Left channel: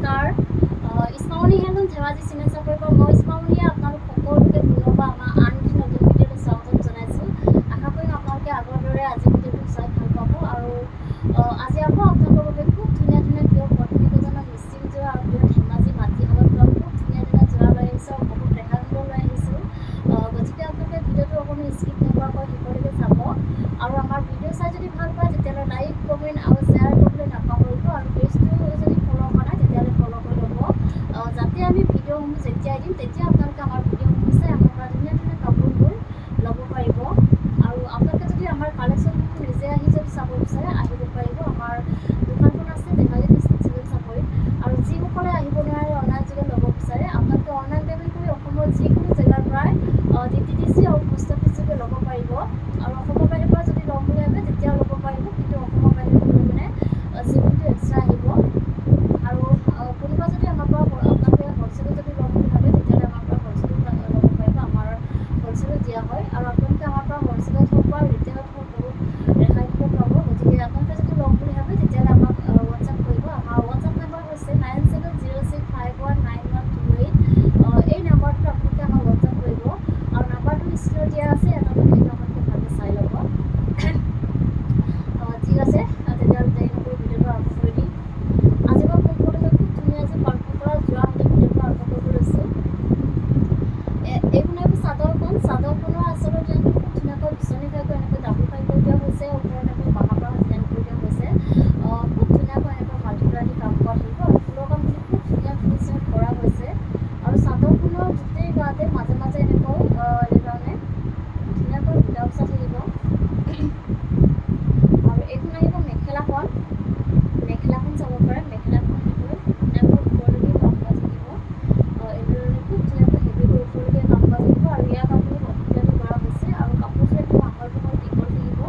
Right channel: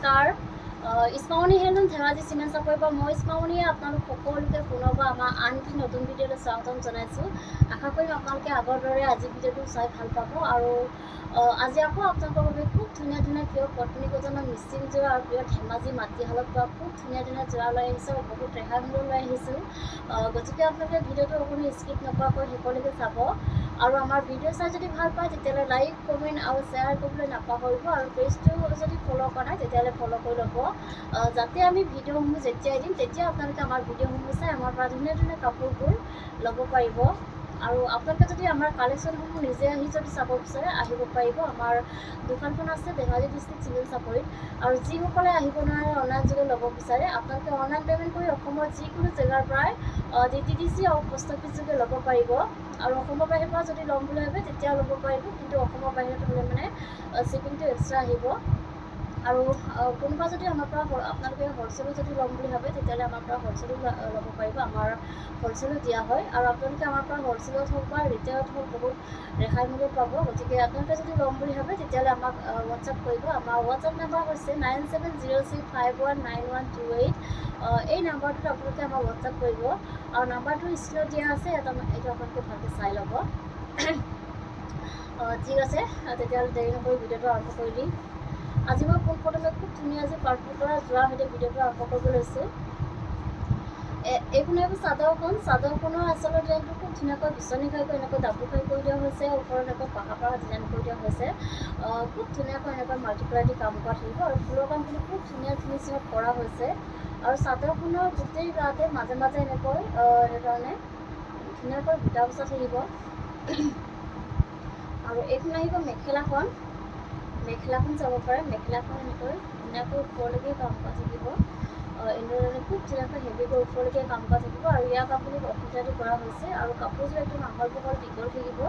নমস্কাৰ ইস্পামনি হেলন ধেমাজি চিমেণ্ট চাপৰিৰ পৰা মই ইস্পামনিয়ে আপোনালোক সকলোকে পুনৰ পৰা আমাৰ আন এটি নতুন ভিডিঅ'লৈ স্বাগতম জনাইছোঁ। আশা কৰিম আপোনালোকে আগৰ দৰে আজি ভিডিঅ'টো চাই ভাল পাব আৰু আজি আকৌ আপোনালোকৰ বাবে খুব ধুনীয়া ধুনীয়া প্ৰিয় পত্নী গজনৰ মিচিং যোৰা আৰু প্ৰিয় ধেমাজি মাটিশালত পৰা খুব ধুনীয়া ধুনীয়া যোৰা লৈ আহিছোঁ আৰু বহুত ৰেহাই মূল্য লৈ আহিছোঁ। গতিকে আপোনালোকে ভিডিঅ'টো অকণো স্কিপ নকৰাকৈ শেষলৈকে চাব আৰু আমাৰ ভিডিঅ' চাই যদি ভাল পায় তেতিয়াহ'লে লাইক কমেণ্ট আৰু শ্বেয়াৰ কৰিবলৈ নাপাহৰিব আৰু পেজটো যদি ফ'ল' কৰা নাই তেতিয়াহ'লে ফ'ল' কৰি ল'ব যাতে আমি ভিডিঅ'সমূহ যেতিয়াই দিম তেতিয়া আপোনালোকে আমাৰ ভিডিঅ'সমূহ চাই আমাৰ পৰা ধুনীয়া ধুনীয়া কাপোৰবোৰ ল'ব পাৰিব আৰু আপোনালোকে যদি আমাৰ কালেকশ্যনসমূহ নিজে আহি যদি চাব বিচাৰে আহিব পাৰিব। আমাৰ দোকানখন আছে ধেমাজি ডিষ্ট্ৰিক্ট চিভিল চাপৰিত আৰু যিসকলে আহিব নোৱাৰে অনলাইন যোগে ল'ব বিচাৰে আপোনালোকে অনলাইন পে'মেণ্ট কৰি অসমৰ যিকোনো জেগাৰ পৰাই DTDC আৰু পোষ্ট অফিচ যোগে ল'ব পাৰিব আৰু অসমৰ বাহিৰৰ পৰা যদি ল'ম বুলি ভাবে তেতিয়াও ল'ব পাৰিব, কিন্তু অসমৰ বাহিৰত হ'লে মানে শ্বিপিংটো এক্সট্ৰা আহিব আৰু কোনোবা যদি আমাৰ পৰা আপোনালোকে হ'লচেলো যদি ল'ম বুলি ভাবে তেতিয়াহ'লে আমাৰ পৰা হ'লচেলো ল'ব পাৰিব। আমাৰ হ'লচেলো দিয়া হয় আৰু আপোনালোকে আমাৰ পৰা হ'লচেলত হওক বা ৰিটেইলত হওক বহুত ৰেহাই মূল্যত পাব। গতিকে আপোনালোকে যদি ল'ম বুলি ভাবে তেতিয়াহ'লে আমাক হোৱাটছআপ কৰিব। আমাৰ হোৱাটছআপ নাম্বাৰ হৈছে 9706519128। এই নাম্বাৰটোত আপোনালোকে আমাক হোৱাটছআপ কৰিব আৰু নাম্বাৰটো স্ক্ৰীনত দিয়া আছে, এটা এইটো আপোনালোকে ভালকৈ চাই ল'ব। ঠিক আছে, তেতিয়াহ'লে দেৰি নকৰি ভিডিঅ'টো আৰম্ভ কৰি দিম। আজি মই পোনপ্ৰথমে খুব ধুনীয়া যে পাৰ্পল কালাৰ যোৰা সৈতে ভিডিঅ'টো আৰম্ভ কৰিব লৈছোঁ। এইখন আহিব চাদৰখনৰ আচলতে ডিজাইনটো খুব ধুনীয়াকৈ বিচনী খাইকৈ এনেকৈ ডাবুল খাই কৰি দিয়া হৈছে, ওপৰত এনেকৈ পাহাৰ ডিজাইন কৰি দিয়া হৈছে। খুব ধুনীয়াকৈ এনেকৈ মাল্টিপ্লাই দি কাম কৰা থাকিব আৰু ফুলৰ কামখিনি খুব ধুনীয়া ফিনিচিঙত কৰা হৈছে আৰু চাদৰখনৰ গোটেই গাতে মাজে মাজে এনেকৈ এনেধৰণে ধুনীয়াকৈ বুটা বচা থাকিব আৰু এইখন আহিব মেখেলাখন চাব পাৰে। মেখেলাখন এনেকৈ ধুনীয়াকৈ ওপৰলৈকে কাম কৰা থাকিব, এনেধৰণে খুব ধুনীয়াকৈ হেভিকৈ ওপৰলৈকে কাম কৰা থাকিব আৰু ইয়াৰ কামখিনি অসুবিধাটো কৰা হৈছে আৰু কাপোৰযোৰ একদম আহল বহল দীঘল থাকিব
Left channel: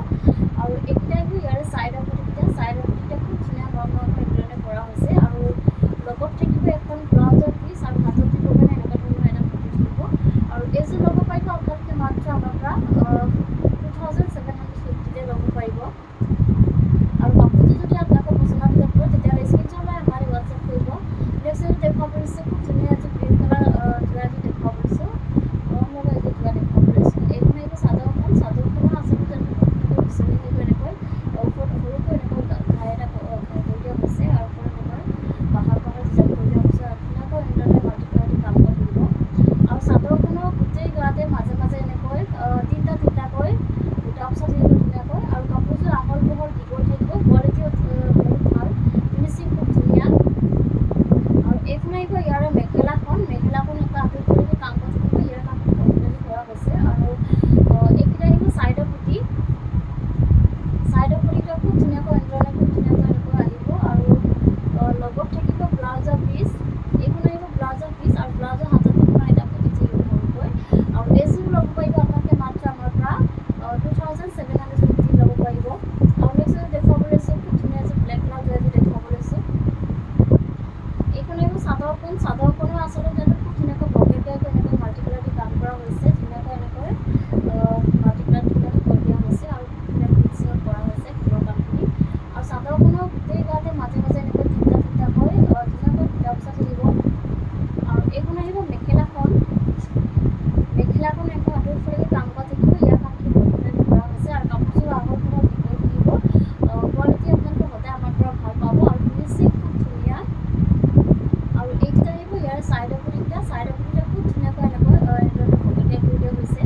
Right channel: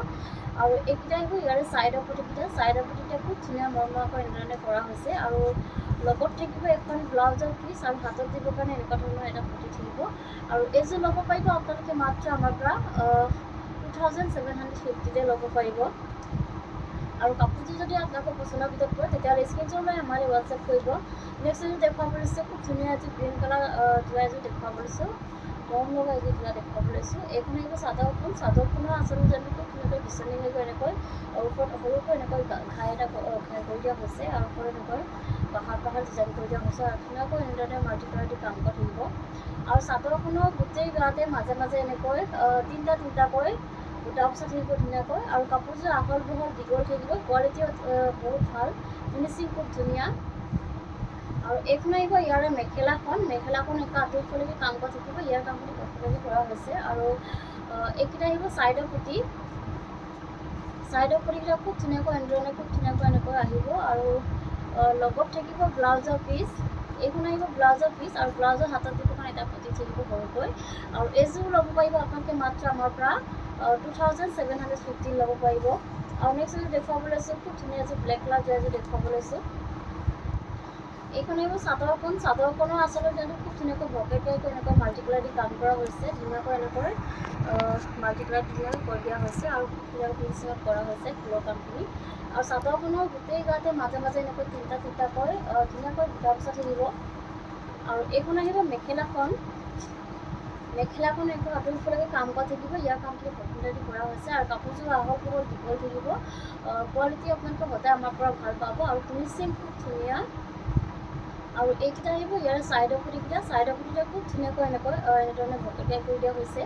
আৰু এইকেইটা আহিব ইয়াৰে ছাইডৰ পটিকেইটা খুব ধুনীয়া মৰমকৈ এনেধৰণে কৰা হৈছে আৰু লগত থাকিব এখন ব্লাউজৰ পিচ আৰু হাতত দিবৰ কাৰণে এনেকুৱা ধৰণৰ এটা পটি থাকিব আৰু এইযোৰ ল'ব পাৰিব আপোনালোকে মাত্ৰ আমাৰ পৰা 2750 ল'ব পাৰিব আৰু কাপোৰযোৰ যদি আপোনালোকৰ পচন্দৰ ভিতৰত পৰে তেতিয়াহ'লে স্ক্ৰীনশ্বট লৈ আমালৈ হোৱাটছআপ কৰিব। নেক্সট এযোৰ দেখুৱাব লৈছোঁ, খুব ধুনীয়া এযোৰ গ্ৰীণ কালাৰ যোৰা এযোৰ দেখুৱাব লৈছোঁ, মৰম লগা এযোৰ যোৰা দেখুৱাব লৈছোঁ। এইখন আহিব চাদৰখনৰ আচলতে যেনেকৈ খুব ধুনীয়াকৈ বিচনী হৈ গৈ এনেকৈ ওপৰত সৰুকৈ এনেকৈ ঘাই কৰি দিয়া হৈছে আৰু ওপৰত এনেকৈ পাহাৰ ডিজাইন কৰি দিয়া হৈছে আৰু ধুনীয়াকৈ এনেদৰে মাল্টিপ্লাই দি কাম কৰি থাকিব আৰু চাদৰখনৰ গোটেই গাতে মাজে মাজে এনেকৈ তিনিটাকৈ বুটা বচা থাকিব ধুনীয়াকৈ আৰু কাপোৰযোৰ আহল বহল দীঘল থাকিব, কোৱালিটিও বহুত ভাল, ফিনিচিং খুব ধুনীয়া আৰু এইখন আহিব ইয়াৰে মেখেলাখন এনেকৈ আঁতৰি পৰিকৈ কাম কৰা থাকিব। ইয়াৰ কামখিনি কমপ্লিটলি কৰা হৈছে আৰু এইকেইটা আহিব ছাইডৰ পটিকেইটা খুব ধুনীয়াকৈ এনেকৈ আহিব আৰু লগত থাকিব ব্লাউজৰ পিচ। এইখন আহিব ব্লাউজৰ পিচ আৰু ব্লাউজৰ হাতত দুখন এটা পটি থাকিব সৰুকৈ আৰু এইযোৰ ল'ব পাৰিব আপোনালোকে মাত্ৰ আমাৰ পৰা 2750 ল'ব পাৰিব আৰু নেক্সট এযোৰ দেখুৱাব লৈছোঁ, খুব ধুনীয়া এযোৰ ব্লেক কালাৰ যোৰা এযোৰ দেখুৱাব লৈছোঁ। এইখন আহিব চাদৰখনৰ আচলতে খুব ধুনীয়াকৈ বকেটকৈ এনেকৈ মাল্টিকালাৰ দি কাম কৰা হৈছে, ধুনীয়াকৈ এনেকৈ মাল্টিকালাৰ ধুনীয়াকৈ কৰি দিয়া হৈছে আৰু ধুনীয়া ফিনিচিঙত কৰা হৈছে ফুলৰ কামখিনি আৰু চাদৰখনৰ গোটেই গাতে মাজে মাজে এনেকৈ তিনিটাকৈ ধুনীয়াকৈ বুটা বচা থাকিব আৰু এইখন আহিব মেখেলাখন এনেকৈ আঁতৰি ফুলকৈ কাম কৰা থাকিব। ইয়াৰ কামখিনি কমপ্লিটলি কৰা হৈছে আৰু কাপোৰযোৰ আহল বহল দীঘল থাকিব, কোৱালিটি আপোনালোকে সদায় আমাৰ পৰা ভাল পাব আৰু ফিনিচিং খুব ধুনীয়া আৰু এইকেইটা আহিব ইয়াৰ ছাইডৰ পটিকেইটা খুব ধুনীয়াকৈ এনেধৰণে ভকতীয়া কৰি দিয়া হৈছে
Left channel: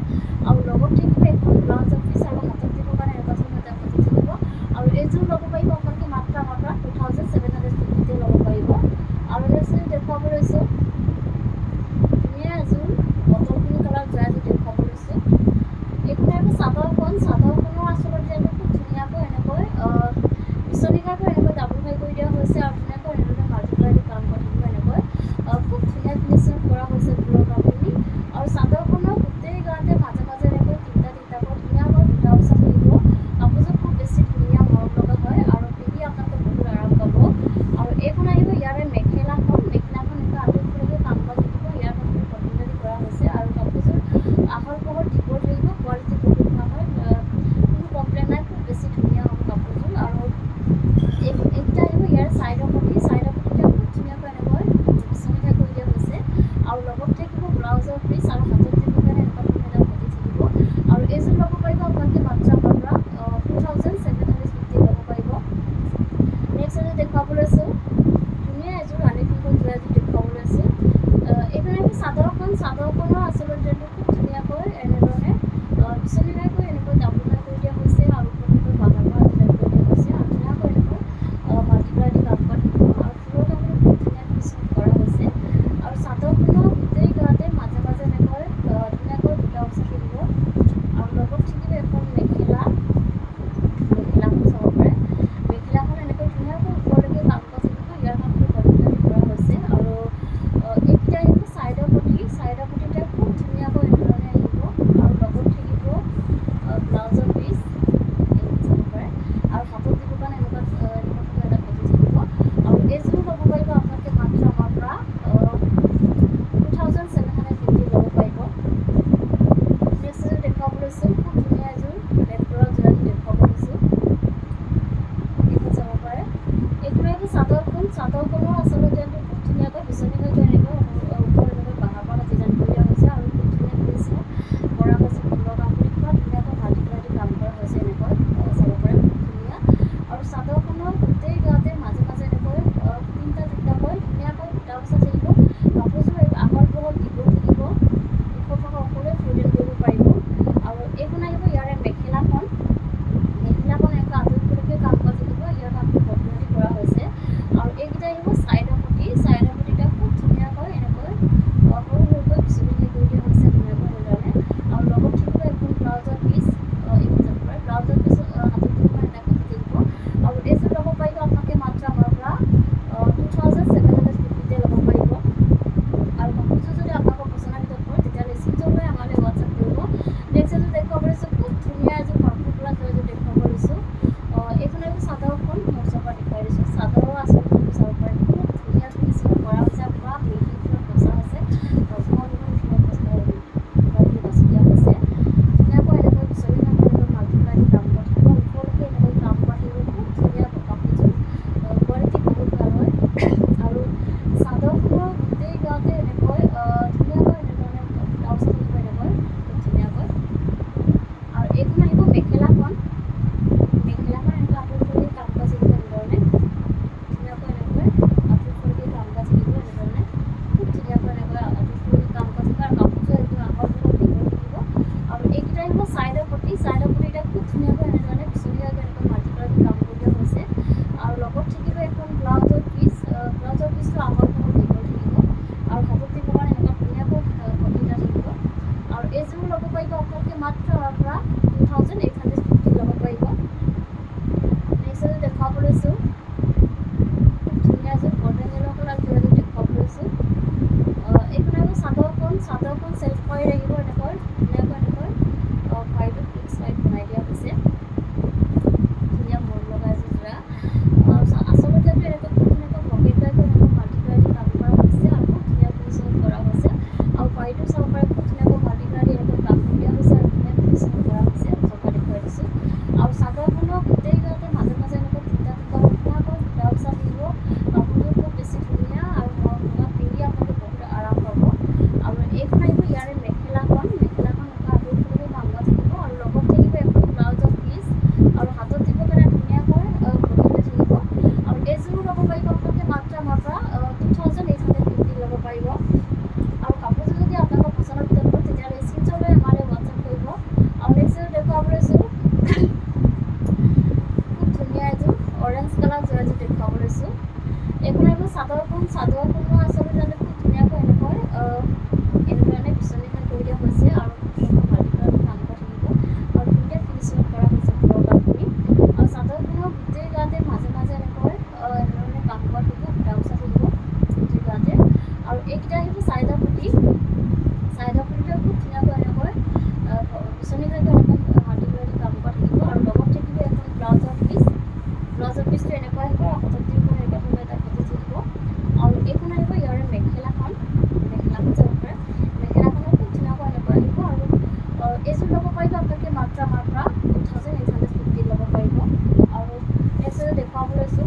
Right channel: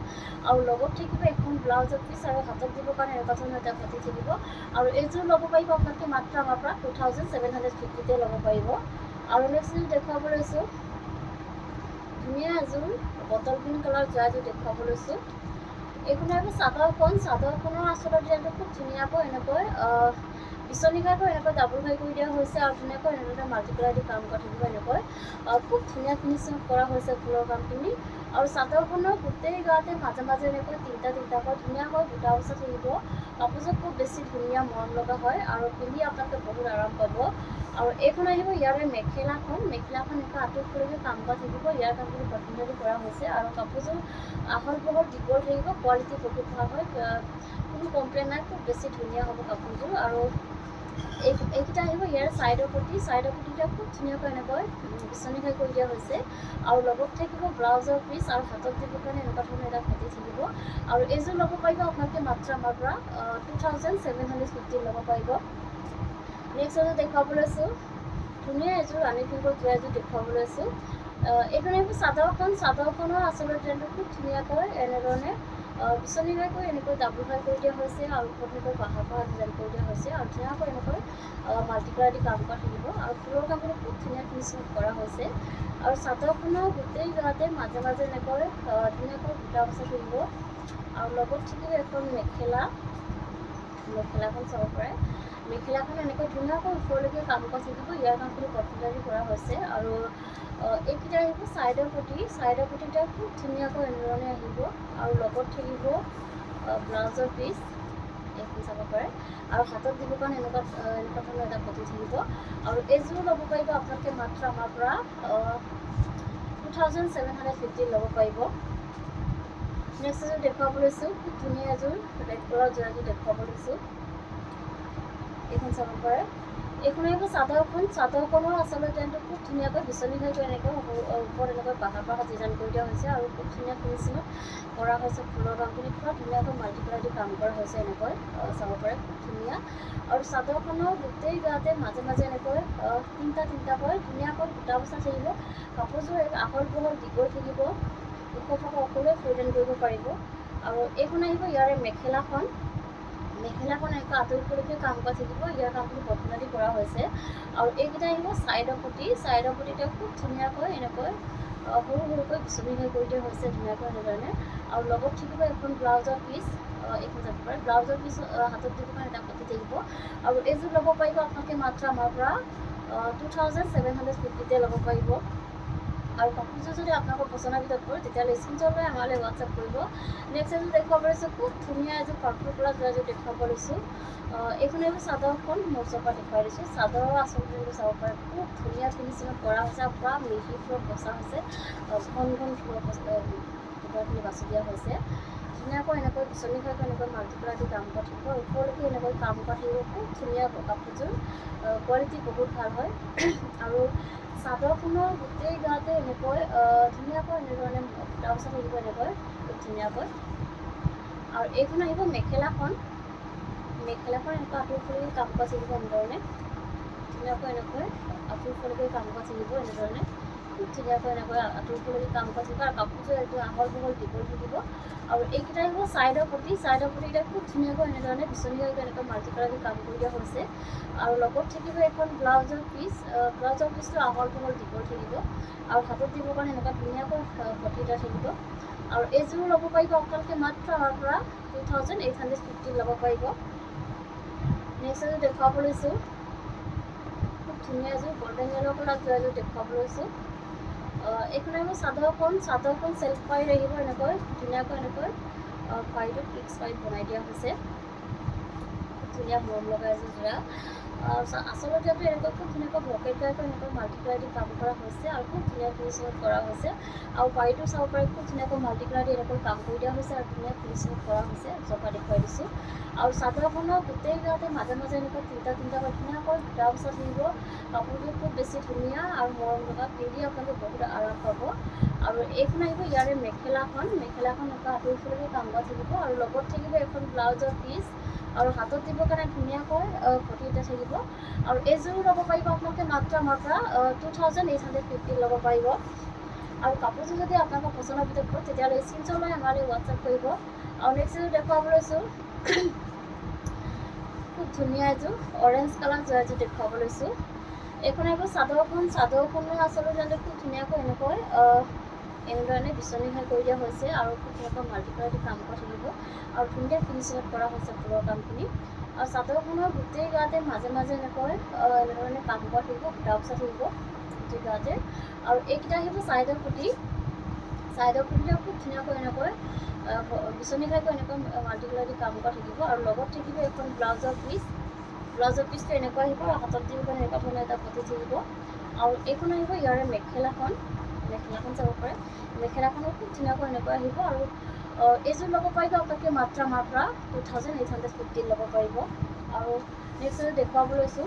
আৰু লগত থাকিব এখন ব্লাউজৰ পিচ আৰু হাতত দিবৰ কাৰণে এনেকুৱা ধৰণৰ এটা পটি থাকিব আৰু এইযোৰ ল'ব পাৰিব আপোনালোকে মাত্ৰ আমাৰ পৰা 2750 ল'ব পাৰিব আৰু নেক্সট এযোৰ দেখুৱাব লৈছোঁ, ধুনীয়া এযোৰ বটল গ্ৰীণ কালাৰ যোৰা এযোৰ দেখুৱাব লৈছোঁ। এইখন আহিব চাদৰখনৰ আচলতে ডিজাইনটো খুব ধুনীয়াকৈ এনেকৈ বিচনী খাইকৈ এনেকৈ ডাবুল খাই কৰি দিয়া হৈছে আৰু ধুনীয়াকৈ এনেধৰণে মাল্টিপ্লাই দি কাম কৰা থাকিব, এনেকৈ খুব ধুনীয়া ফিনিচিঙত কৰা হৈছে ফুলৰ কামখিনি আৰু চাদৰখনৰ গোটেই গাতে মাজে মাজে এনেকৈ তিনিটাকৈ ধুনীয়াকৈ বুটা বচা থাকিব। কাপোৰযোৰ খুব বেছি ধুনীয়া মৰম লগা হয় আৰু পিন্ধি আপোনালোকে বহুত আৰাম পাব আৰু এইখন আহিব ইয়াৰে মেখেলাখন এনেকৈ আঁতৰি ফুলকৈ কাম কৰা থাকিব। ইয়াৰ কামখিনি কমপ্লিটলি কৰা হৈছে আৰু কাপোৰযোৰ আহল বহল দীঘল থাকিব, কোৱালিটি বহুত ভাল হয়, কোনো কমপ্লেইন নাই, খুব বেছি ধুনীয়া হ'ব কাপোৰযোৰ আৰু এইকেইটা আহিব ইয়াৰ ছাইডৰ পটিকেইটা খুব ধুনীয়াকৈ এনেকৈ আৰু লগত থাকিব ব্লাউজৰ পিচ আৰু হাতত দিবৰ কাৰণে এনেকুৱা ধৰণৰ এটা পতি থাকিব আৰু এইযোৰ ল'ব পাৰিব আপোনালোকে মাত্ৰ আমাৰ পৰা 2750 ল'ব পাৰিব। নেক্সট এযোৰ দেখুৱাব লৈছোঁ, ধুনীয়া এযোৰ ৰাণী পিংকৰ যোৰা এযোৰ দেখুৱাব লৈছোঁ। এইখন আহিব চাদৰখনৰ আচলতে ট্ৰেণ্ডটো খুব ধুনীয়াকৈ এনেধৰণে বিচনী ঘাইকৈ এনেকৈ ডাবুল ঘাই কৰি দিয়া হৈছে আৰু ওপৰত এনেকৈ বাহাৰ ডিজাইন কৰি দিয়া হৈছে আৰু ধুনীয়াকৈ এনেকৈ মাল্টিপ্লাই দি কাম কৰা থাকিব আৰু ফুলৰ কামখিনি খুব ধুনীয়া ফিনিচিং কৰা হৈছে আৰু চাদৰখনৰ গোটেই গাতে মাজে মাজে এনেকৈ ধুনীয়াকৈ বুটা বচা থাকিব আৰু লগত থাকিব এখন মেখেলাখন চাব পাৰে। মেখেলাখন এনেকৈ ধুনীয়াকৈ ওপৰলৈকে কাম কৰা থাকিব, ইয়াৰ কামখিনি কমপ্লিট কৰা হৈছে আৰু এইকেইটা আহিব চাইডৰ পতিটা খুব ধুনীয়াকৈ এনেধৰণে আহিব আৰু লগত থাকিব ব্লাউজৰ পিচ এইখন চাব পাৰে আৰু হাতত দিবৰ কাৰণে এনেকুৱা ধৰণৰ এটা পতি থাকিব আৰু এইযোৰ ল'ব পাৰিব আপোনালোকে মাত্ৰ আমাৰ পৰা 2750 ল'ব পাৰিব। নেক্সট এযোৰ দেখুৱাব লৈছোঁ, খুব ধুনীয়া এযোৰ ৰেড কালাৰ যোৰা এযোৰ দেখুৱাব লৈছোঁ, এইখন চাব পাৰে। এইখন আহিব চাদৰখনৰ আচলতে ডিজাইনটো খুব ধুনীয়াকৈ বিচনী ঘাইকৈ এনেকৈ ওপৰত এনেকৈ বাহাৰ ডিজাইন কৰি দিয়া হৈছে আৰু খুব ধুনীয়া ফিনিচিঙত কৰা হৈছে। ফুলৰ কামখিনি পুৰা ধুনীয়াকৈ মাল্টিপ্লাই দি কাম কৰা হৈছে, এনেকৈ চাব পাৰে খুব ধুনীয়া আৰু চাদৰখনৰ গোটেই গাতে মাজে মাজে এনেকৈ তিনিটাকৈ ধুনীয়াকৈ বুটা বচা থাকিব। কাপোৰযোৰ আহল বহল দীঘল থাকিব, ওখ থকা সকলোৱে পৰিধান কৰিব পাৰিব আৰু এইখন আহিব ইয়াৰে মেখেলাখন এনেকৈ আঁতৰিবলৈকে কাম কৰা থাকিব, ইয়াৰ কামখিনি কঠিনাদি কৰা হৈছে আৰু এইকেইটা আহিব চাইডৰ পতিটা খুব ধুনীয়াকৈ এনেকৈ সৰু সৰুকৈ বিচনী ঘাই কৰি দিয়া হৈছে ধুনীয়াকৈ এনেধৰণে আৰু লগত থাকিব এখন ব্লাউজৰ পিচ, এইখন যাব পাৰে। ব্লাউজৰ পিচ হাতত দিব কাৰণে এটা পতি থাকিব আৰু এইযোৰ ল'ব পাৰিব আপোনালোকে মাত্ৰ আমাৰ পৰা 2750 ল'ব পাৰিব আৰু কাপোৰযোৰ যদি আপোনালোকৰ পচন্দৰ ভিতৰত পৰে তেতিয়াহ'লে স্ক্ৰীনশ্বট লৈ আমালৈ হোৱাটছআপ কৰিব। নেক্সট এযোৰ দেখুৱাব লৈছোঁ, খুব ধুনীয়া এযোৰ পাৰ্পল কালাৰ যোৰা এযোৰ দেখুৱাব লৈছোঁ। এইখন এইবোৰ চাদৰখন মোৰ ওচৰৰ পৰা দেখুৱাই দিছোঁ। চাদৰৰ আচলতে চাব পাৰে খুব ধুনীয়া ফিনিচিঙত কৰা হৈছে আৰু পূৰা মিহি ফুলত বচা হৈছে, ঘন ফুলৰ বুটাখিনি বাছি দিয়া হৈছে ধুনীয়াকৈ এনেকৈ বিচনী ঘাইকৈ এনেকৈ মাল্টিপ্লাই দি কাম কৰা থাকিব আৰু ওপৰলৈকে এনেকৈ কাম কৰা থাকিব। খুব ধুনীয়া কাপোৰযোৰ, কোৱালিটি বহুত ভাল হয় আৰু চাদৰখনৰ গোটেই গাতে এনেকৈ ধুনীয়াকৈ এনেধৰণে বুটা বচা থাকিব এনেকৈ খুব ধুনীয়াকৈ আৰু এইখন আহিব মেখেলাখন এনেকৈ আঁতৰিবলৈকে কাম কৰা থাকিব এনেধৰণে ধুনীয়াকৈ এনেকৈ আঁতৰিবলৈকে কাম কৰা থাকিব এনেধৰণে খুব ধুনীয়াকৈ এনেকৈ আঁতৰিবলৈকে কাম কৰা থাকিব আৰু কাপোৰযোৰ এইটো আহল বহল দীঘল থাকিব আৰু এইকেইটা আহিব চাইডৰ পতিকেইটা খুব ধুনীয়াকৈ এনেধৰণে বিচনী ঘাইকৈ এনেকৈ মাল্টিপ্লাই দি কাম কৰি দিয়া হৈছে আৰু লগত থাকিব এখন ব্লাউজৰ পিচটো আহল বহল দীঘল থাকিব আৰু হাতত দিবৰ কাৰণে এনেকুৱা ধুনীয়াকৈ পতি এটা থাকিব আৰু এইযোৰ ল'ব পাৰিব আপোনালোকে মাত্ৰ আমাৰ পৰা 2850 ল'ব পাৰিব। নেক্সট এযোৰ দেখুৱাব লৈছোঁ, খুব ধুনীয়া এযোৰ গল্ডেন য়েল্ল' কালাৰ যোৰা এযোৰ দেখুৱাব লৈছোঁ। এইখন আহিব চাদৰখন চেল্ফ পাইড আহিব এনেকৈ ধুনীয়াকৈ এনেকৈ পাইডটো ফিক্স পাইড বনাই দিয়া হৈছে, ধুনীয়া মৰম লগা এযোৰ যোৰা। আচলতে এনেকৈ খুব ধুনীয়াকৈ ব্ৰকেট গাইকৈ এনেকৈ মাল্টিপ্লাই দি কাম কৰা হৈছে আৰু খুব ধুনীয়া ফিনিচিঙত কৰা হৈছে আৰু পাইডটো চাব পাৰে খুব ধুনীয়াকৈ মাল্টিপ্লাই দি এনেকৈ কাম কৰি দিয়া হৈছে আৰু ধুনীয়া ফিনিচিঙত কৰা হৈছে, ওচৰৰ দেখুৱাই দিছোঁ আৰু চাদৰখনৰ গোটেই গাতে মাজে মাজে এনেকৈ তিনিটাকৈ ধুনীয়াকৈ বুটা বচা থাকিব। কাপোৰযোৰ খুব বেছি ধুনীয়া আৰু মৰম লগা, পিন্ধি আপোনালোকে বহুত আৰাম পাব আৰু এইখন আহিব ইয়াৰে মেখেলাখন এনেকৈ আঁতৰিবলৈকে কাম কৰা থাকিব আৰু লগত থাকিব এখন ব্লাউজৰ পিচ আৰু হাতত দিবৰ কাৰণে ধুনীয়াকৈ পতি এটা থাকিব আৰু এইযোৰো ল'ব পাৰিব আপোনালোকে মাত্ৰ আমাৰ পৰা 2850 ল'ব পাৰিব আৰু কাপোৰযোৰ যদি আপোনালোকৰ পচন্দৰ ভিতৰত পৰে তেতিয়াহ'লে স্ক্ৰীনশ্বট লৈ আমালৈ হোৱাটছআপ কৰিব আৰু নেক্সট এযোৰ দেখুৱাব লৈছোঁ, খুব ধুনীয়া এযোৰ অৰেঞ্জ কালাৰ যোৰা এযোৰ দেখুৱাব লৈছোঁ। এইখন আহিব চাদৰখনৰ আচলতে খুব ধুনীয়াকৈ এনেধৰণে বিচনী ঘাই কৰি দিয়া হৈছে আৰু খুব ধুনীয়াকৈ মাল্টিপ্লাই দি কাম কৰা থাকিব আৰু ধুনীয়া ফিনিচিঙত কৰা হৈছে ফুলৰ কামখিনি আৰু চাদৰখনৰ গোটেই গাতে মাজে মাজে এনেকৈ এনেধৰণে কাম কৰা থাকিব, বুটা বচা থাকিব গোটেই গাতে আৰু এইকেইটা আহিব চাইডৰ পতিটা খুব ধুনীয়াকৈ এনেকৈ বিচনী ঘাইকৈ এনেকৈ মাল্টিপ্লাই দি কাম কৰা থাকিব আৰু লগত থাকিব এখন ব্লাউজৰ পিচটো এনেকুৱা আহিব আৰু হাতত দিব কাৰণে এনেকুৱা ধৰণৰ এটা পতি থাকিব আৰু এইখন আহিব ইয়াৰে মেখেলাখন চাব পাৰে। মেখেলাখনো খুব ধুনীয়াকৈ এনেকুৱা আহিব আৰু এইযোৰ ল'ব পাৰিব আপোনালোকে মাত্ৰ আমাৰ পৰা 2850 ল'ব পাৰিব আৰু নেক্সট এযোৰ দেখুৱাব লৈছোঁ,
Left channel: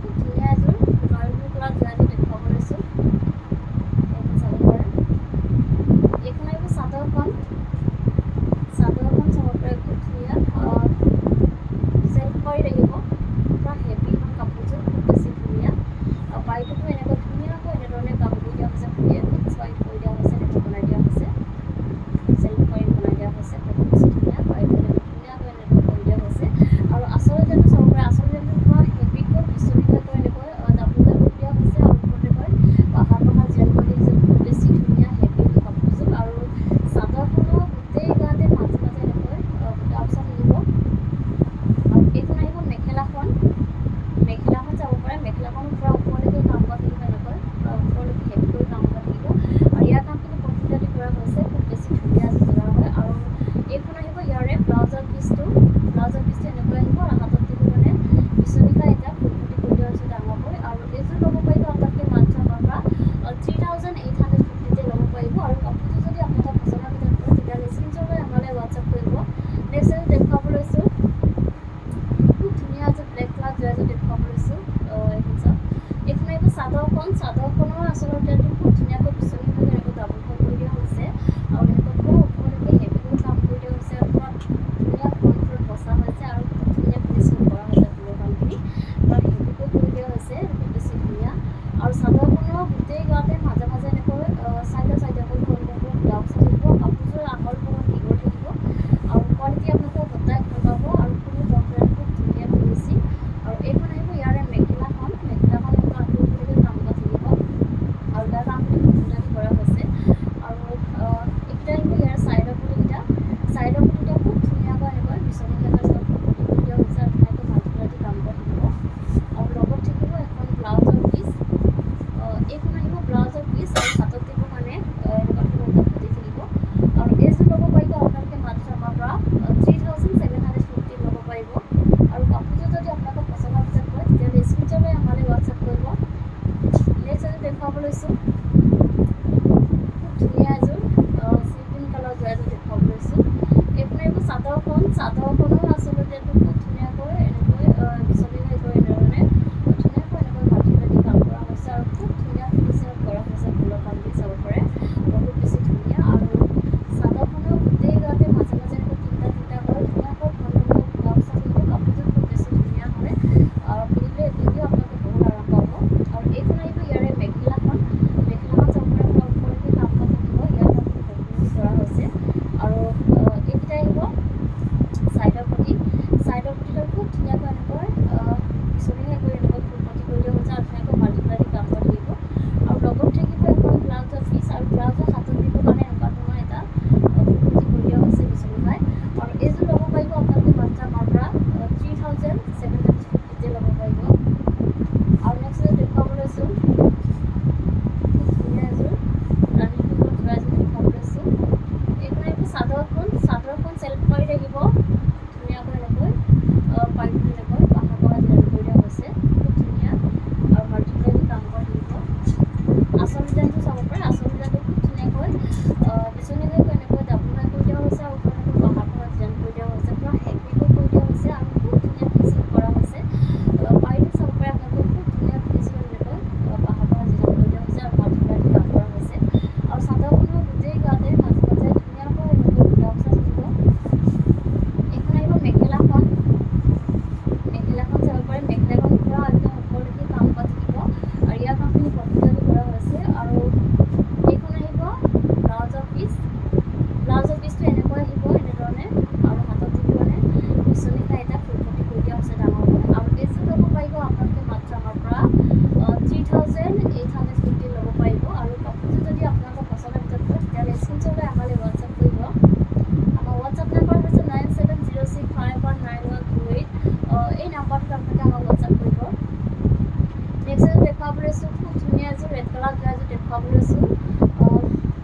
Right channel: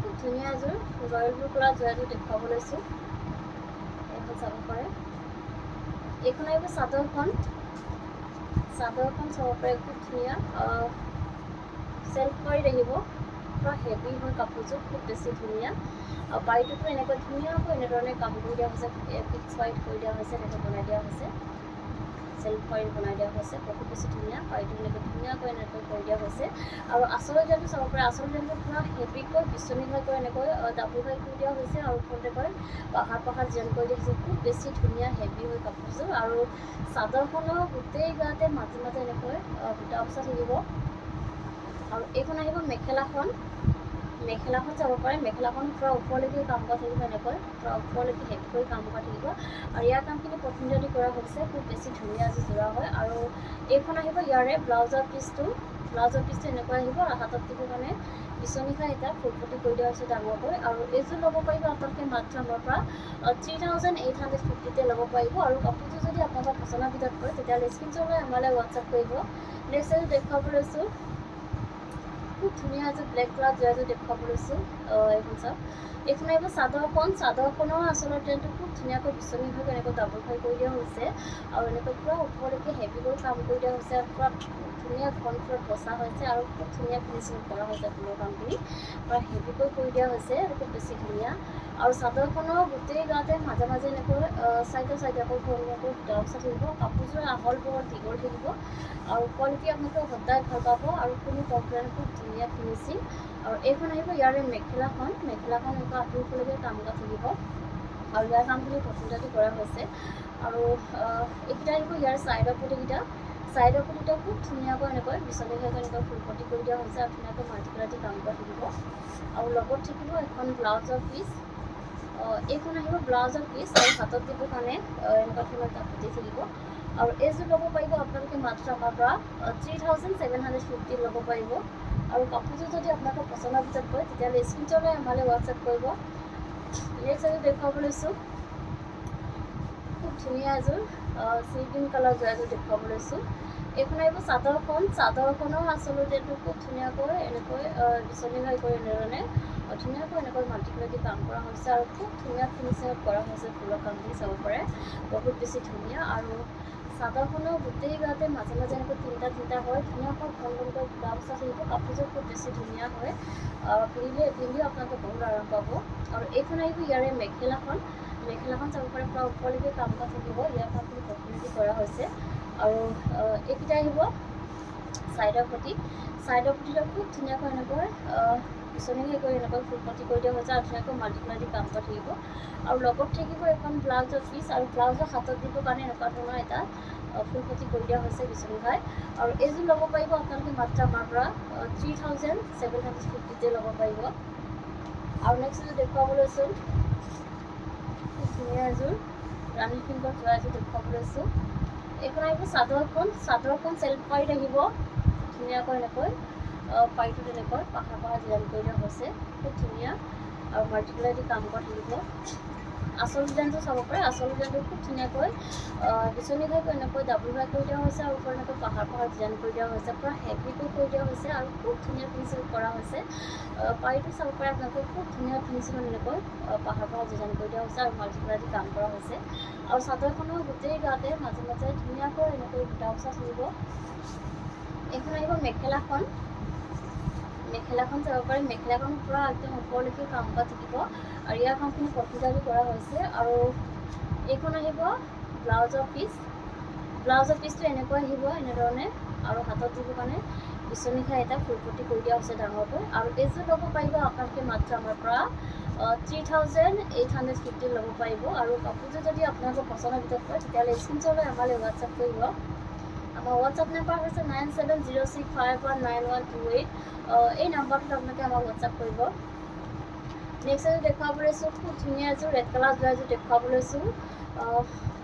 খুব ধুনীয়া এযোৰ ৰয়েল ব্লু কালাৰ যোৰা এযোৰ দেখুৱাব লৈছোঁ। চাদৰখন চাব পাৰে, খুব ধুনীয়া চেল্ফ কৰি আহিব, পূৰা হেভি হয় কাপোৰযোৰ, খুব বেছি ধুনীয়া। আৰু বাৰীটোতো এনেকৈ ধুনীয়াকৈ এনেধৰণে কাম কৰি দিয়া হৈছে, ফিক্স ৱাইট কৰি দিয়া হৈছে, এনেকৈ বনাই দিয়া হৈছে, চেল্ফ কৰি বনাই দিয়া হৈছে, বহুত বেছি ধুনীয়া। বাৰীটো এনেকৈ ধুনীয়াকৈ এনেকৈ কৰি দিয়া হৈছে। আৰু আচল ডিজাইনটো চাব পাৰে, আচল ডিজাইনটো পূৰা হেভিকৈ বিচনীঘাইকৈ এনেকৈ ডাবুল ঘাই কৰি দিয়া হৈছে, আৰু ওপৰতে পাহাৰ ডিজাইন কৰি দিয়া হৈছে, খুব বেছি ধুনীয়া হেভি হয় কাপোৰযোৰ। আৰু চাদৰখনৰ গোটেই গাতে মাজে মাজে এনেকৈ বুটা বচা থাকিব। আৰু এইখন আহিব মেখেলাখন চাব পাৰে, মেখেলাখন পূৰা ওপৰলৈকে কাম কৰা থাকিব, এনেকৈ পূৰা ওপৰলৈকে হেভি কৰি কাম কৰা থাকিব। আৰু ইয়াৰ কামখিনি পটমিনতি কৰা হৈছে, খুব বেছি ধুনীয়া যোৰা হয়। আৰু এইখন আহিব ইয়াৰে ব্লাউজৰ পিচটো এনেকৈ আহিব, হাতত দিব মানে বিচনীঘাই এটা ফুলপটি কৰি দিয়া হৈছে ডাঙৰকৈ। আৰু এইযোৰ ল'ব পাৰিব আপোনালোকে মাত্ৰ আমাৰ পৰা 3850তে ল'ব পাৰিব। আৰু কাপোৰযোৰ যদি আপোনালোকৰ পচন্দৰ ভিতৰত পৰে তেতিয়াহ'লে স্ক্ৰীনশ্বট লৈ আমালৈ হোৱাটছআপ কৰিব। নেক্সট এযোৰ দেখুৱাব লৈছোঁ, খুব ধুনীয়া এযোৰ ব্লেক কালাৰ যোৰাযোৰ দেখুৱাব লৈছোঁ। এইখন চাওক, এইখন আহিব চাদৰখনৰ আচলতে খুব ধুনীয়াকৈ বিচনীঘাই এনেকৈ ডাবুল ঘাই কৰি দিয়া হৈছে, আৰু এনেকৈ পূৰা ওপৰলৈকে হেভি কৰি কাম কৰি দিয়া হৈছে, পূৰা ধুনীয়া ঘনফুলত বচা হৈছে, আৰু খুব ধুনীয়া ফিনিচিং কৰা হৈছে। ফুলৰ কামখিনি পূৰা হেভিকৈ কৰি দিয়া হৈছে, খুব বেছি ধুনীয়া। আৰু চাদৰখনৰ গোটেই গাতে মাজে মাজে এনেকৈ চাইডে আকৌ ধুনীয়াকৈ বুটা বচা থাকিব, কাপোৰযোৰ আহল বহল দীঘল থাকিব, আৰু কোৱালিটি আপোনালোকে সদায় ভাল পাব, আৰু কোনো কমপ্লেইন, খুব ধুনীয়া ফিনিচিং। আৰু এইখন আহিব ইয়াৰে মেখেলাখন এনেকুৱা আঁতৰলৈকে কাম কৰা থাকিব, আৰু ইয়াৰ কামখিনি পচন্দতি কৰা হৈছে। আৰু এইকেইটা আহিব ইয়াৰ চাইডৰ পুতিকেইটা খুব ধুনীয়াকৈ এনেকৈ বিচনীঘাই এনেকৈ ফুলপটি কৰি দিয়া হৈছে, আৰু ধুনীয়াকৈ মাল্টিকালাৰ দি কাম কৰা থাকিব। আৰু লগত থাকিব এখন ব্লাউজৰ পিচ, এইখন আহিব ব্লাউজৰ পিচ, আৰু হাতত দিবৰ কাৰণে এনেকুৱা ধৰণৰ এটা পুতি থাকিব। আৰু এইযোৰ ল'ব পাৰিব আপোনালোকে মাত্ৰ আমাৰ পৰা 3750 ল'ব পাৰিব। আৰু কাপোৰযোৰ যদি আপোনালোকৰ পচন্দৰ ভিতৰত পৰে তেতিয়াহ'লে স্ক্ৰীনশ্বট লৈ আমালৈ হোৱাটছআপ কৰিব। নেক্সট এযোৰ দেখুৱাব লৈছোঁ, খুব ধুনীয়া এযোৰ চি গ্ৰীণ কালাৰ যোৰাযোৰ দেখুৱাব লৈছোঁ। এইখন আহিব চাদৰখনৰ আচলতে খুব ধুনীয়াকৈ এনেকৈ বিচনীঘাই কৰি এনেধৰণে ধুনীয়াকৈ এনেকৈ মাল্টিকালাৰ দি কাম কৰা হৈছে, আৰু খুব ধুনীয়া ফিনিচিঙত কৰা হৈছে। ফুলৰ কামখিনি চাব পাৰে, বহুত বেছি ধুনীয়া। আৰু চাদৰখনৰ গোটেই গাতে মাজে মাজে এনেকৈ তিনিটা হয়, ধুনীয়াকৈ ঘনকৈ বুটা বচা থাকিব, কাপোৰযোৰ খুব বেছি ধুনীয়া হয়, আৰু পিন্ধিও আপোনালোকে বহুত আৰাম পাব। আৰু এইখন আহিব ইয়াৰে মেখেলাখন চাব পাৰে, পূৰা ওপৰলৈকে কাম কৰা থাকিব, ইয়াৰ কামখিনি পটমিনতি কৰা হৈছে। আৰু এইকেইটা আহিব চাইডৰ পটিটো খুব ধুনীয়াকৈ এনেকৈ বিচনীঘাই কৰি এনেকৈ ফুলপটি কৰি দিয়া হৈছে, আৰু ধুনীয়াকৈ মাল্টিকালাৰ দি কাম কৰা থাকিব। আৰু লগত থাকিব এখন ব্লাউজৰ পিচ, আৰু ব্লাউজৰ হাতত দিবৰ কাৰণে এনেকুৱা ধৰণৰ এটা ফুলপটি কৰি দিয়া হৈছে বিচনীঘাই। আৰু এইযোৰ ল'ব পাৰিব আপোনালোকে মাত্ৰ আমাৰ পৰা 3750তে ল'ব পাৰিব। আৰু নেক্সট এযোৰ দেখুৱাব লৈছোঁ, খুব ধুনীয়া এযোৰ ৰাণী পিংকৰ যোৰা এযোৰ দেখুৱাব লৈছোঁ। এইখন আহিব চাদৰখন চেল্ফ পাৰীত আহিব, ধুনীয়াকৈ এনেকৈ পাৰীটোত এনেকৈ পাহাৰ ডিজাইন কৰি দিয়া হৈছে, খুব ধুনীয়া। আৰু মাল্টিকালাৰ দি কাম কৰা থাকিব। আচল ডিজাইনটো চাব পাৰে, আচল ডিজাইনটো খুব ধুনীয়াকৈ বিচনীঘাই এনেকৈ ডাবুল ঘাই কৰি দিয়া হৈছে, আৰু ওপৰত এনেকৈ পাহাৰ ডিজাইন কৰি দিয়া হৈছে, পূৰা হেভিকৈ কৰি দিয়া হৈছে, আৰু খুব ধুনীয়া ফিনিচিং কৰা হৈছে। পাৰীটো চাব পাৰে আপোনালোকে, খুব ধুনীয়া ফিনিচিঙত এনেকৈ পাহাৰ ডিজাইন কৰি দিয়া হৈছে, আৰু মাল্টিকালাৰ দি কাম কৰা হৈছে। আৰু চাদৰখনৰ গোটেই গাতে মাজে মাজে ধুনীয়াকৈ এনেকৈ বুটা বচা থাকিব। এইখন আহিব মেখেলাখন চাব পাৰে, মেখেলাখন পূৰা একদম ওপৰলৈকে কাম কৰা থাকিব, আৰু ইয়াৰ কামখিনি পটমিনতি কৰা হৈছে। আৰু এইখন আহিব ব্লাউজৰ পিচটো এনেকৈ আহিব এনেধৰণে, আৰু হাতত দিব মানে বিচনীঘাই এটা ফুলপটি কৰি দিয়া হৈছে ডাঙৰকৈ। আৰু এইযোৰ ল'ব পাৰিব আপোনালোকে মাত্ৰ আমাৰ পৰা 3850 ল'ব পাৰিব। আৰু কাপোৰযোৰ যদি আপোনালোকৰ পচন্দৰ ভিতৰত পৰে তেতিয়াহ'লে স্ক্ৰীনশ্বট লৈ আমালৈ হোৱাটছআপ কৰিব। আমাৰ হোৱাটছআপ নাম্বাৰ হৈছে 9706519128। এই নাম্বাৰটোত আপোনালোকে আমাক হোৱাটছআপ কৰিব। নেক্সট এযোৰ দেখুৱাব লৈছোঁ, খুব ধুনীয়া এযোৰ ৰেড কালাৰ যোৰা এযোৰ দেখুৱাব লৈছোঁ।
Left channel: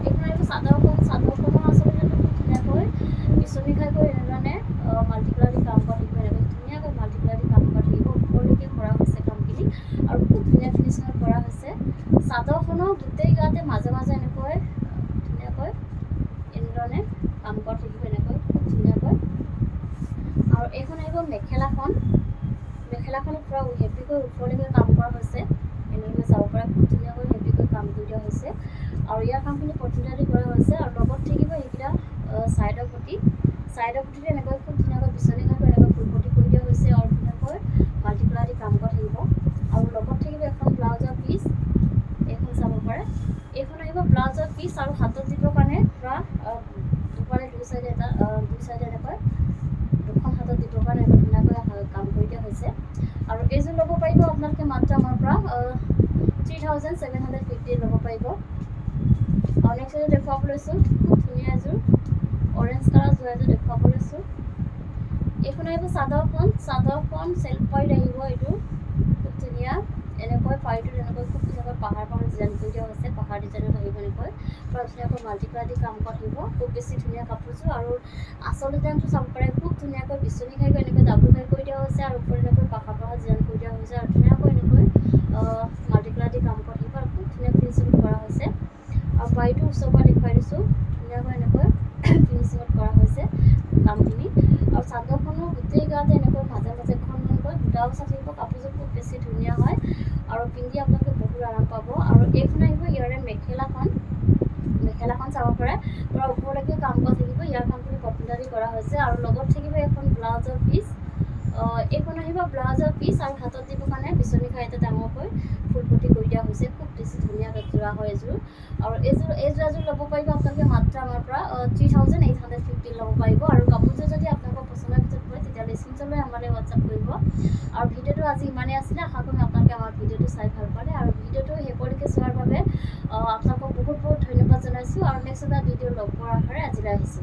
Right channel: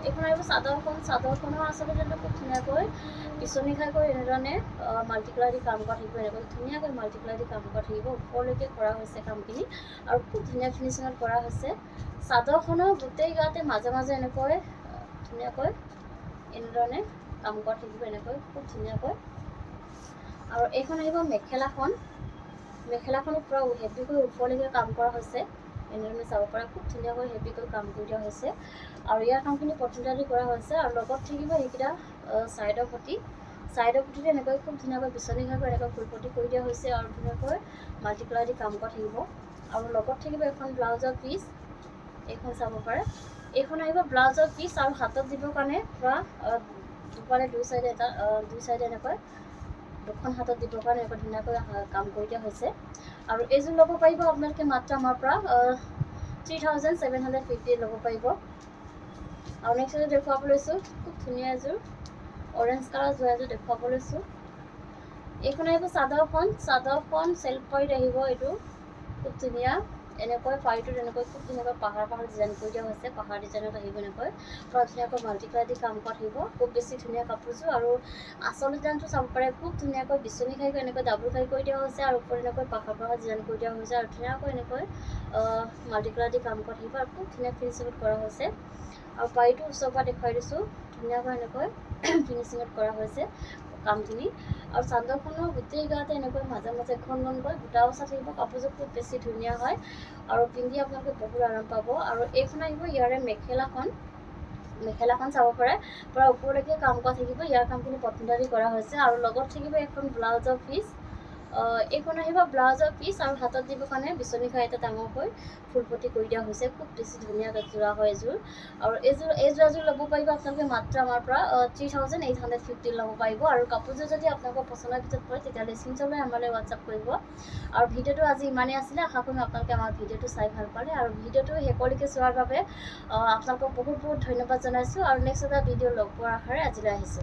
এইখন আহিব চাদৰখনৰ আচলতে খুব ধুনীয়াকৈ বিচনীঘাই কৰি এনেধৰণে মাল্টিকালাৰ দি কাম কৰা থাকিব, এনেকৈ ধুনীয়াকৈ মাল্টিকালাৰ দি কাম কৰা থাকিব, ওপৰলৈকে কৰা হৈছে কামখিনি, আৰু খুব ধুনীয়া ফিনিচিঙত কৰা হৈছে। চাদৰখনৰ গোটেই গাতে মাজে মাজে এনেকৈ ধুনীয়াকৈ এনেধৰণে কাম কৰা থাকিব, এনেকৈ খুব ধুনীয়াকৈ। আৰু এইখন আহিব মেখেলাখনত পূৰা হেভিকৈ ওপৰলৈকে কাম কৰা হৈছে, এনেধৰণে চাব পাৰে খুব ধুনীয়াকৈ হেভিকৈ কাম কৰি দিয়া হৈছে আৰু ইয়াৰ কামখিনি পচন্দালি কৰা হৈছে আৰু লগত থাকিব এইকেইটা ছাইডৰ পটিতে এনেকৈ খুব ধুনীয়াকৈ বিচনীঘাকৈ এনেকৈ ফুলপটি কৰি দিয়া হৈছে আৰু ধুনীয়াকৈ মাল্টি কালাৰ দি কাম কৰা থাকিব আৰু লগত থাকিব এখন ব্লাউজৰ পিচ এইখন চাব পাৰে এইখন আহিব ব্লাউজৰ পিচ আৰু হাতত দিবৰ কাৰণে পূৰা দুফালে দুই চাইডে এনেকৈ দুখন হাতত দিবৰ কাৰণে এনেকৈ ধুনীয়াকৈ কাম কৰি দিয়া হৈছে আৰু এইযোৰ ল'ব পাৰিব আপোনালোকে মাত্ৰ আমাৰ পৰা 3750 ল'ব পাৰিব আৰু নেক্সট এযোৰ দেখুৱাব লৈছোঁ খুব ধুনীয়া এযোৰ অৰেঞ্জ কালাৰ যোৱা এযোৰ দেখুৱাব লৈছোঁ এইখন আহিব চাদৰখন চেল্ফ পাইড আহিব এইটো খুব ধুনীয়া এনেকৈ পাইডটোত এনেকৈ খুব ধুনীয়াকৈ পাহাৰ ডিজাইন কৰি দিয়া হৈছে পাহাৰ ডিজাইনত আহিব এনেকৈ পূৰা ধুনীয়াকৈ মাল্টি কালাৰ দি কাম কৰা থাকিব খুব বেছি ধুনীয়া কাপোৰযোৰ আৰু আচল ডিজাইনটো চাব পাৰে খুব ধুনীয়াকৈ বিচনী খাইকৈ এনেকৈ ডাবুল খাই কৰি দিয়া হৈছে আৰু ওপৰত এনেকৈ পাহাৰ ডিজাইন কৰি দিয়া হৈছে আৰু ধুনীয়াকৈ এনেকৈ মাল্টি কালাৰ দি কাম কৰা থাকিব আৰু খুব ধুনীয়া ফিনিচিঙত কৰা হৈছে আৰু বাৰীটো ওচৰৰ পৰা দেখুৱাই দিছোঁ ধুনীয়াকৈ এনেকৈ ফিনিচিঙত কৰা হৈছে কামখিনি আৰু চাদৰখনৰ গোটেই গাতে এনেকৈ মাজে মাজে ঘনকৈ বুটা বচা থাকিব কাপোৰযোৰ খুব বেছি ধুনীয়া হয় আৰু পিন্ধি আপোনালোকে বহুত আৰাম পাব আৰু এইখন আহিব ইয়াৰে মেখেলাখন চাব পাৰে পূৰা ওপৰলৈকে কাম কৰা থাকিব ইয়াৰ কামখিনি পচন্দালি কৰা হৈছে আৰু লগত থাকিব এখন ব্লাউজৰ পিচ এইখন আহিব ব্লাউজৰ পিচ আৰু হাতত দিবৰ কাৰণে বিচনী খাই এটা ডাঙৰকৈ ফুলপটি কৰি দিয়া হৈছে খুব বেছি ধুনীয়া যোৰা হয় এযোৰ আৰু এই যোৰাযোৰ ল'ব পাৰিব আপোনালোকে মাত্ৰ আমাৰ পৰা 3850 ল'ব পাৰিব আৰু কাপোৰযোৰ যদি আপোনালোকৰ পচন্দৰ ভিতৰত পৰে তেতিয়াহ'লে স্ক্ৰীনশ্বট লৈ আমালৈ হোৱাটছআপ কৰিব আৰু ভিডিঅ'টো আজি ইমানেই আছিলে আশা কৰিম আপোনালোকে আমাৰ ভিডিঅ'টো চাই ভাল পালে আৰু ভিডিঅ'টো শেষলৈকে চোৱাৰ বাবে আপোনালোকক বহুত বহুত ধন্যবাদ জনাইছোঁ আৰু নেক্সট এটা ভিডিঅ' লগ পোৱাৰ আশাৰে আজিলৈ আহিছোঁ।